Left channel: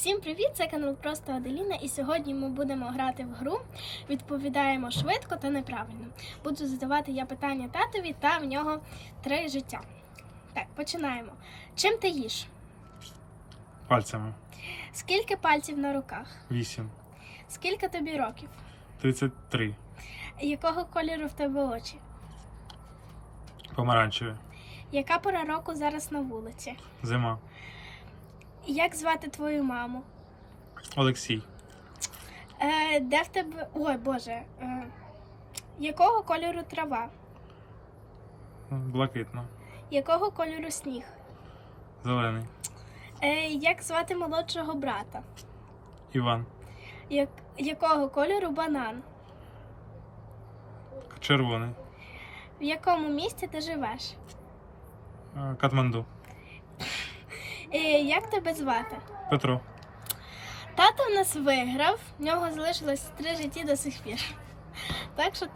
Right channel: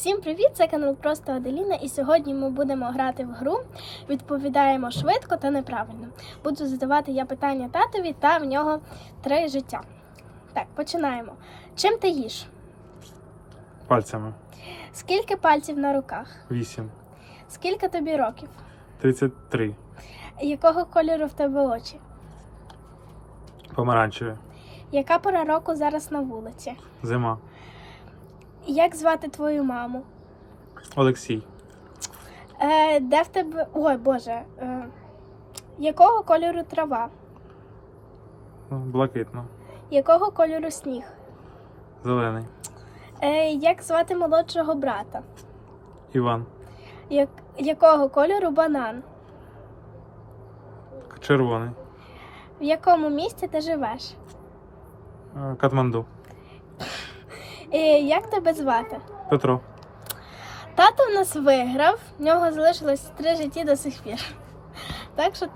Всім привіт! Це канал Просто Аделіна, і сьогодні ми будемо грати в гру. Відповідаємо швидко та неправильно. Буду задавати я питання татові, та в нього три життя. Так, починаємо. Чим ти їш? Пальцями. Скільки пальців на руках? 8. Скільки тобі років? 33. Якого кольору в тебе очі? Помаранчеві. Яка пора року зараз на вулиці? Зима. Як звати твою маму? Олексій. Е, де в тебе. Ой Боже. Е, якого кольору трава? Блакитно. Якого кольору сніг? Зелений. Е, як звати молодшого брата? Іван. Як, якого кольору банан? Червоний. В якому місті ти живеш? Е, Катманду. Е, як тебе звати? Петро. Тато в нас виграв, в нього залишилось три житті до сих пір. Так що